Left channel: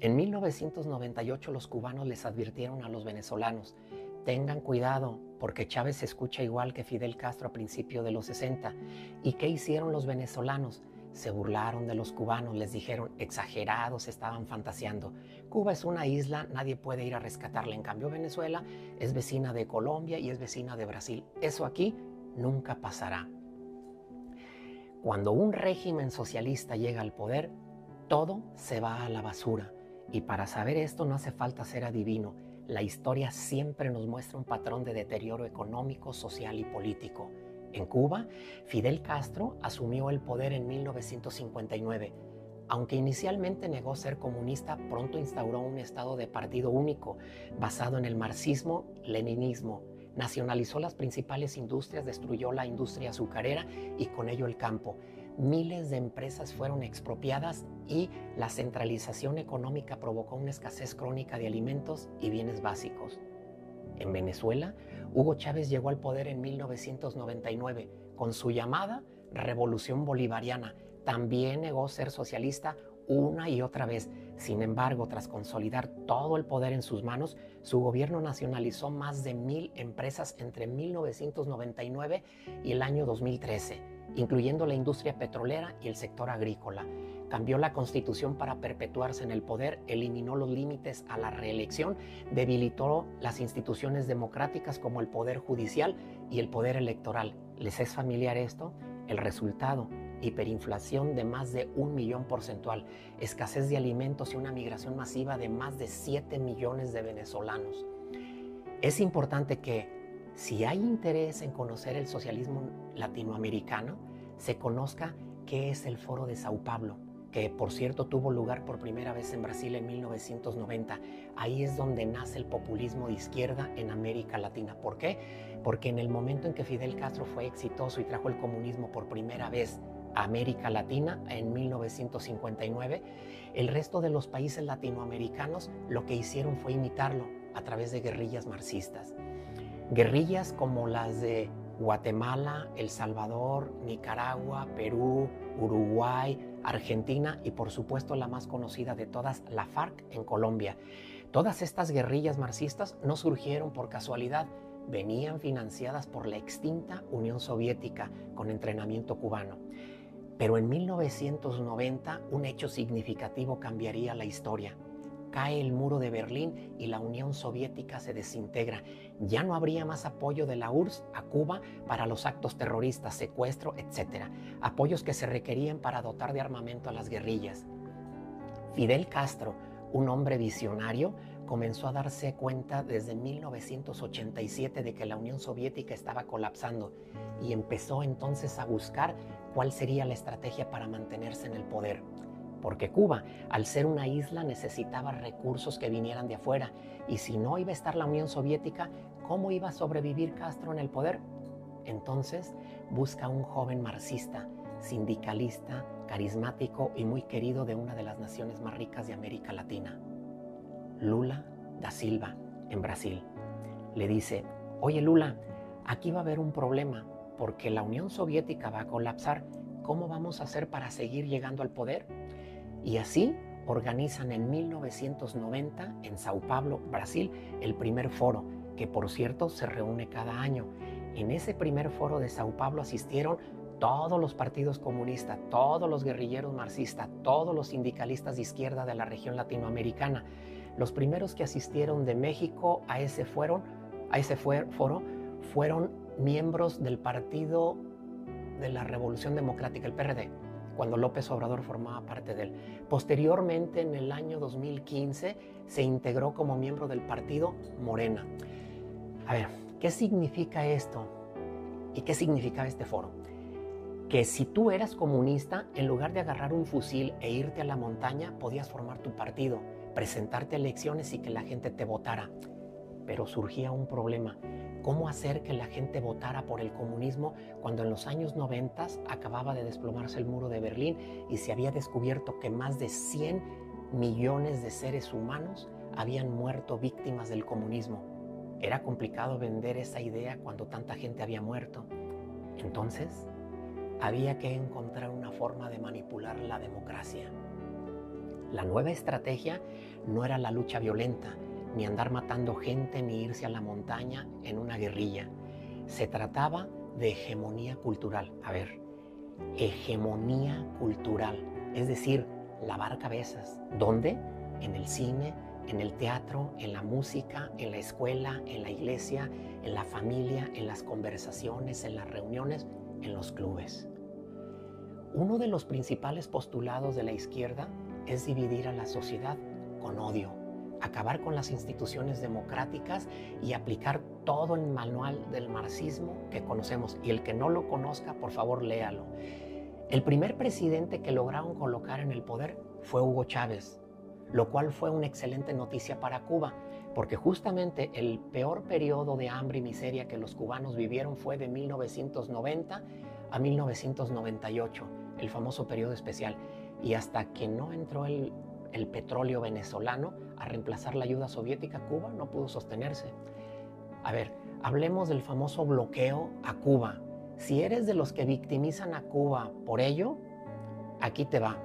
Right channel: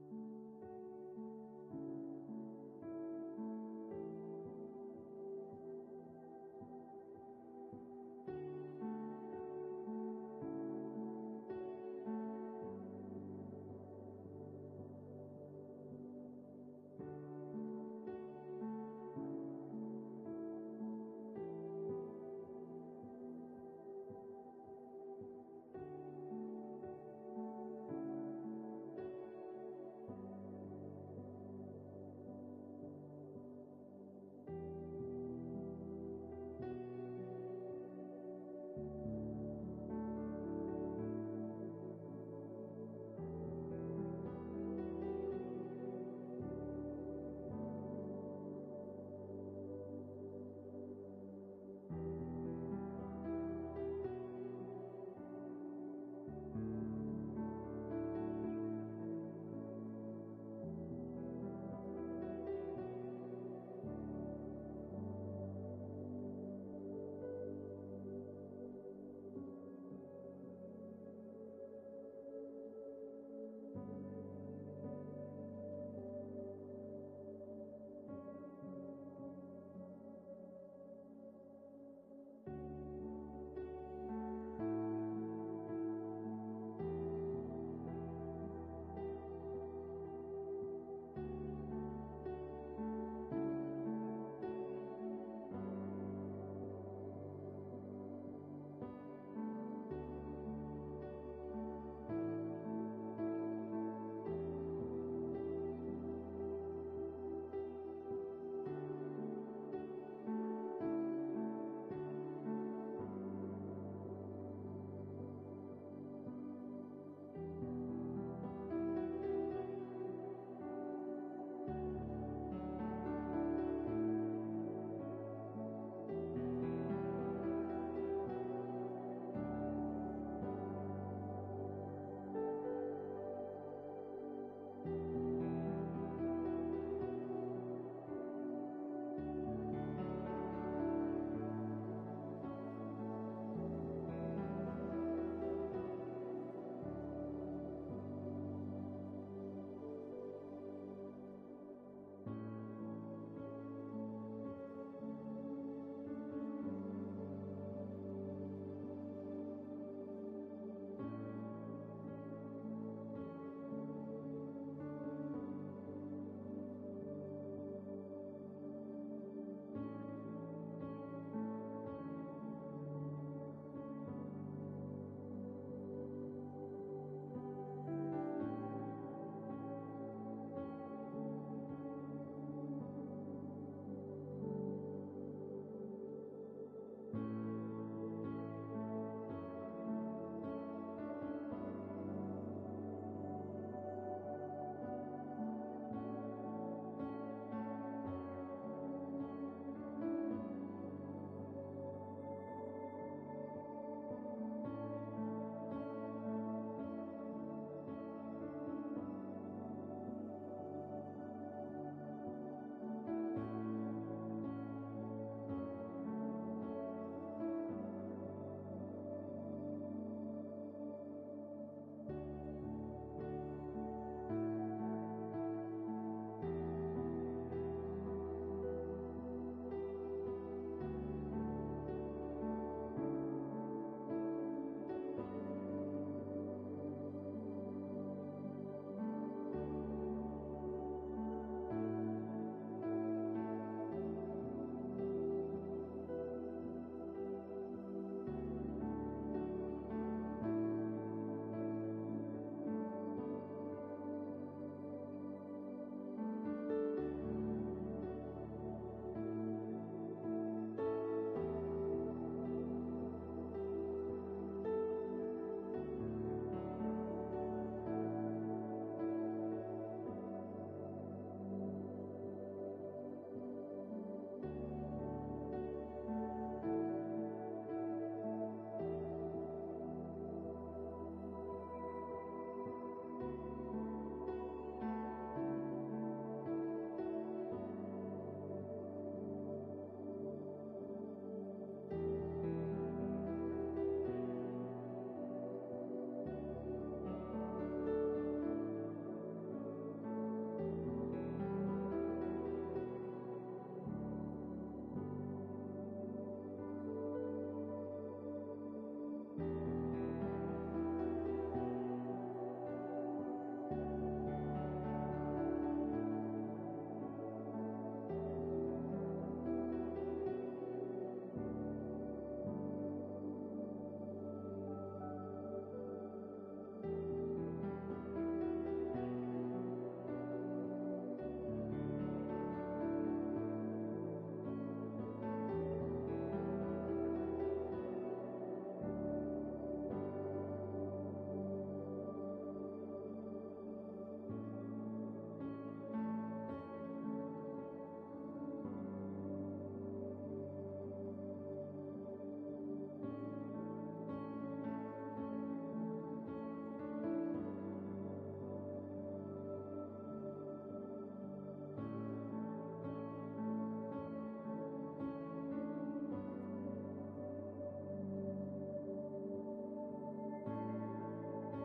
En 1998 los cubanos les advirtieron a los venezolanos: tengan cuidado porque Chávez se escucha igual que Fidel Castro a principios de los 60. ¿Y qué hicieron los venezolanos? Se burlaron de los cubanos, les dijeron exagerados, estaban fantaseando. Cuba es una isla, nadie puede ir a rescatarla. En cambio, Venezuela es vecina de Colombia y es vecina de Brasil. Eso aquí nunca pasará. Cuando un régimen socialista llega al poder, todo se va a la basura. Y para saber esto no hace falta ser adivino. La historia siempre nos muestra un patrón de deterioro económico, social y político. En Cuba, Fidel Castro asumió el poder en 1959. Aunque inicialmente negó ser comunista, pronto instauró un estado de partido único, basado en el marxismo-leninismo. Nacionalizó las principales industrias, destruyó la industria azucarera y con ello el campo. Miles de empresas fueron expropiadas y la centralización económica provocó una escasez crónica de alimentos y bienes básicos. En Venezuela, Hugo Chávez llegó al poder en 1999 con su llamada Revolución Bolivariana. También negó ser socialista una y otra vez. Sin embargo, tras consolidar todo el poder en sus manos, su gobierno nacionalizó más de 1000 empresas entre 1999 y el año 2013, incluyendo la industria petrolera y el sector agrícola. Cambió la constitución para perpetuarse en el poder, eliminó los límites a la reelección, debilitó las instituciones democráticas como el poder judicial y el poder electoral. ¿Les es familiar esto? El resultado: hiperinflación de más de 1 millón porcentual, escasez de alimentos y una migración masiva de más de 7 millones de venezolanos. Es importante que, si hay interés en conocer el socialismo latinoamericano, se conozca qué es el Foro de Sao Paulo, que por cierto tuvo lugar por primera vez en Brasil en 1990. Ahí es donde nace el populismo de izquierda en América Latina. ¿Por qué? Porque en el momento en que Fidel Castro fue exitoso y trajo el comunismo por primera vez a América Latina en 1959, el resto de los países latinoamericanos lo que hicieron fue imitarlo a través de guerrillas marxistas. Guerrillas como las de Guatemala, El Salvador, Nicaragua, Perú, Uruguay, Argentina y por supuesto la más conocida de todas, la FARC en Colombia. Todas estas guerrillas marxistas no surgieron por casualidad, venían financiadas por la extinta Unión Soviética con entrenamiento cubano. Pero en 1990 un hecho significativo cambiaría la historia. Cae el muro de Berlín y la Unión Soviética se desintegra. Ya no habría más apoyo de la URSS a Cuba para los actos terroristas, secuestro, etc. Apoyos que se requerían para dotar de armamento a las guerrillas. Fidel Castro, un hombre visionario, comenzó a darse cuenta desde 1987 de que la Unión Soviética estaba colapsando y empezó entonces a buscar cuál sería la estrategia para mantenerse en el poder. Porque Cuba, al ser una isla, necesitaba recursos que vinieran de afuera. Y si no iba a estar la Unión Soviética, ¿cómo iba a sobrevivir Castro en el poder? Entonces busca a un joven marxista, sindicalista, carismático y muy querido de una de las naciones más ricas de América Latina, Lula da Silva, en Brasil. Le dice: oye Lula, aquí va a haber un problema porque la Unión Soviética va a colapsar. ¿Cómo vamos a hacer para seguir llegando al poder? Y así organizan en 1990 en Sao Paulo, Brasil, el primer foro, que por cierto se reúne cada año. En ese primer foro de Sao Paulo asistieron todos los partidos comunistas, todos los guerrilleros marxistas, todos los sindicalistas de izquierda de la región latinoamericana. Los primeros que asistieron de México a ese foro fueron miembros del Partido de la Revolución Democrática, el PRD, cuando López Obrador formaba parte de él. Posteriormente, en el año 2015, se integró como miembro del partido Morena. A ver, ¿qué significa esto? ¿Y qué significaba este foro? Que si tú eras comunista, en lugar de agarrar un fusil e irte a la montaña, podías formar tu partido, presentarte a elecciones y que la gente te votara. Pero surgía un problema: ¿cómo hacer que la gente votara por el comunismo cuando en los años 90 acababa de desplomarse el muro de Berlín y se había descubierto que más de 100 millones de seres humanos habían muerto víctimas del comunismo? Era complicado vender esa idea cuando tanta gente había muerto. Entonces, había que encontrar una forma de manipular la democracia. La nueva estrategia no era la lucha violenta, ni andar matando gente, ni irse a la montaña en una guerrilla. Se trataba de hegemonía cultural. A ver, hegemonía cultural, es decir, lavar cabezas. ¿Dónde? En el cine, en el teatro, en la música, en la escuela, en la iglesia, en la familia, en las conversaciones, en las reuniones, en los clubes. Uno de los principales postulados de la izquierda es dividir a la sociedad con odio, acabar con las instituciones democráticas y aplicar todo el manual del marxismo que conocemos. Y el que no lo conozca, por favor, léalo. El primer presidente que lograron colocar en el poder fue Hugo Chávez, lo cual fue una excelente noticia para Cuba, porque justamente el peor periodo de hambre y miseria que los cubanos vivieron fue de 1990 a 1998, el famoso periodo especial. Y hasta que no entró el petróleo venezolano a reemplazar la ayuda soviética, Cuba no pudo sostenerse. A ver, hablemos del famoso bloqueo a Cuba. Si eres de los que victimizan a Cuba por ello, aquí te va.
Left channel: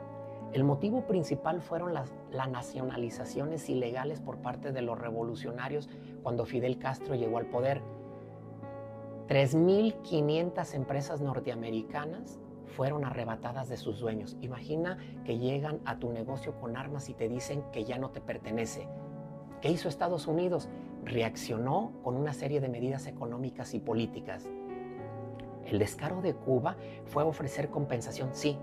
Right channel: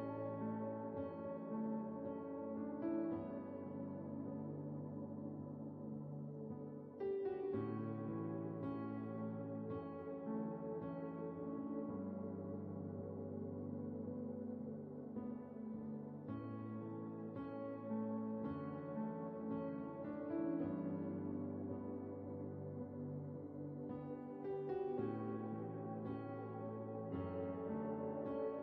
El motivo principal fueron las nacionalizaciones ilegales por parte de los revolucionarios cuando Fidel Castro llegó al poder. 3.500 empresas norteamericanas fueron arrebatadas de sus dueños. Imagina que llegan a tu negocio con armas y te dicen que ya no te pertenece. ¿Qué hizo Estados Unidos? Reaccionó con una serie de medidas económicas y políticas. El descaro de Cuba fue ofrecer compensación, sí,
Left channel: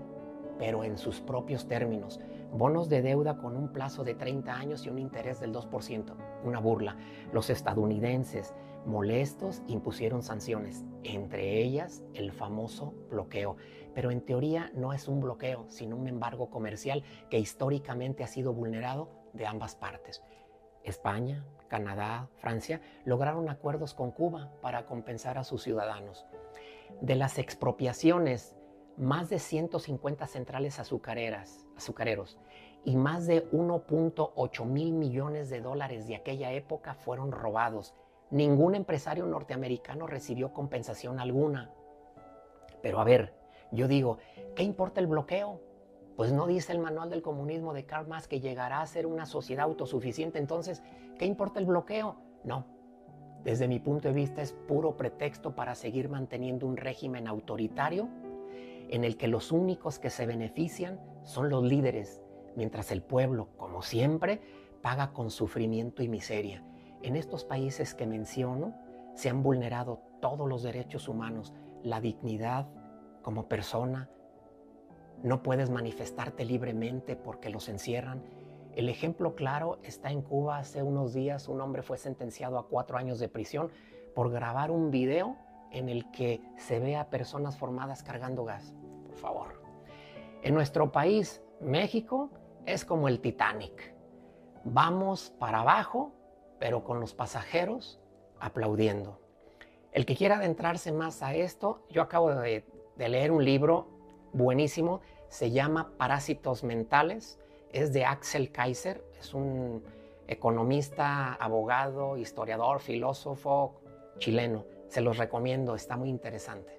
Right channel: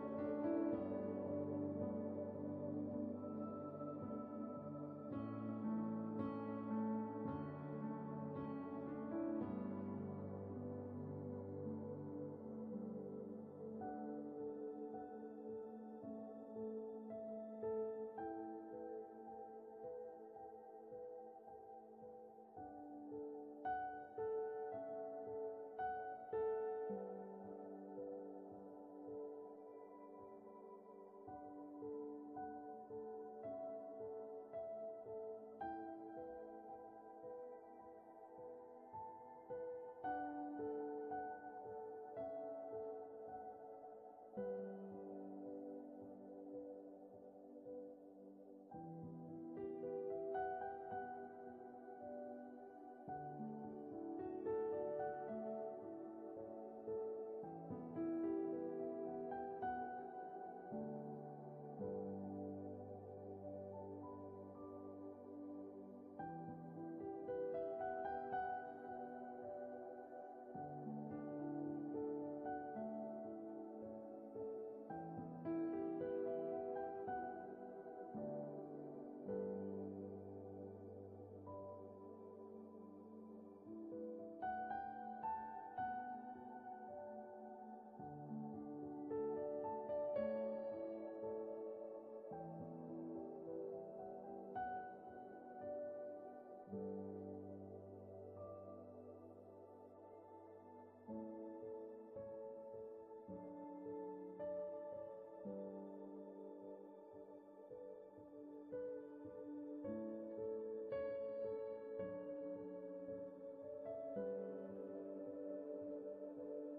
pero en sus propios términos. Bonos de deuda con un plazo de 30 años y un interés del 2%. Una burla. Los estadounidenses, molestos, impusieron sanciones, entre ellas el famoso bloqueo. Pero en teoría no es un bloqueo, sino un embargo comercial que históricamente ha sido vulnerado de ambas partes. España, Canadá, Francia lograron acuerdos con Cuba para compensar a sus ciudadanos. De las expropiaciones, más de 150 centrales azucareros y más de 1.8 mil millones de dólares de aquella época fueron robados. Ningún empresario norteamericano recibió compensación alguna. Pero a ver, yo digo, ¿qué importa el bloqueo? Pues no dice el manual del comunismo de Karl Marx que llegará a ser una sociedad autosuficiente. Entonces, ¿qué importa el bloqueo? No. Desde mi punto de vista es puro pretexto para seguir manteniendo un régimen autoritario en el que los únicos que se benefician son los líderes, mientras el pueblo, como siempre, paga con sufrimiento y miseria. En estos países que menciono, se han vulnerado todos los derechos humanos, la dignidad como persona. No puedes manifestarte libremente porque los encierran. El ejemplo claro está en Cuba. Hace unos días un hombre fue sentenciado a 4 años de prisión por grabar un video en el que se ve a personas formadas cargando gas. Por favor. En nuestro país, México, es como el Titanic. Vamos para abajo, pero con los pasajeros aplaudiendo. El que quiera adentrarse más a esto, yo acabo de leer un libro buenísimo, se llama Parásitos Mentales, es de Axel Kaiser, es un economista, abogado, historiador, filósofo chileno. Se los recomiendo, está muy interesante.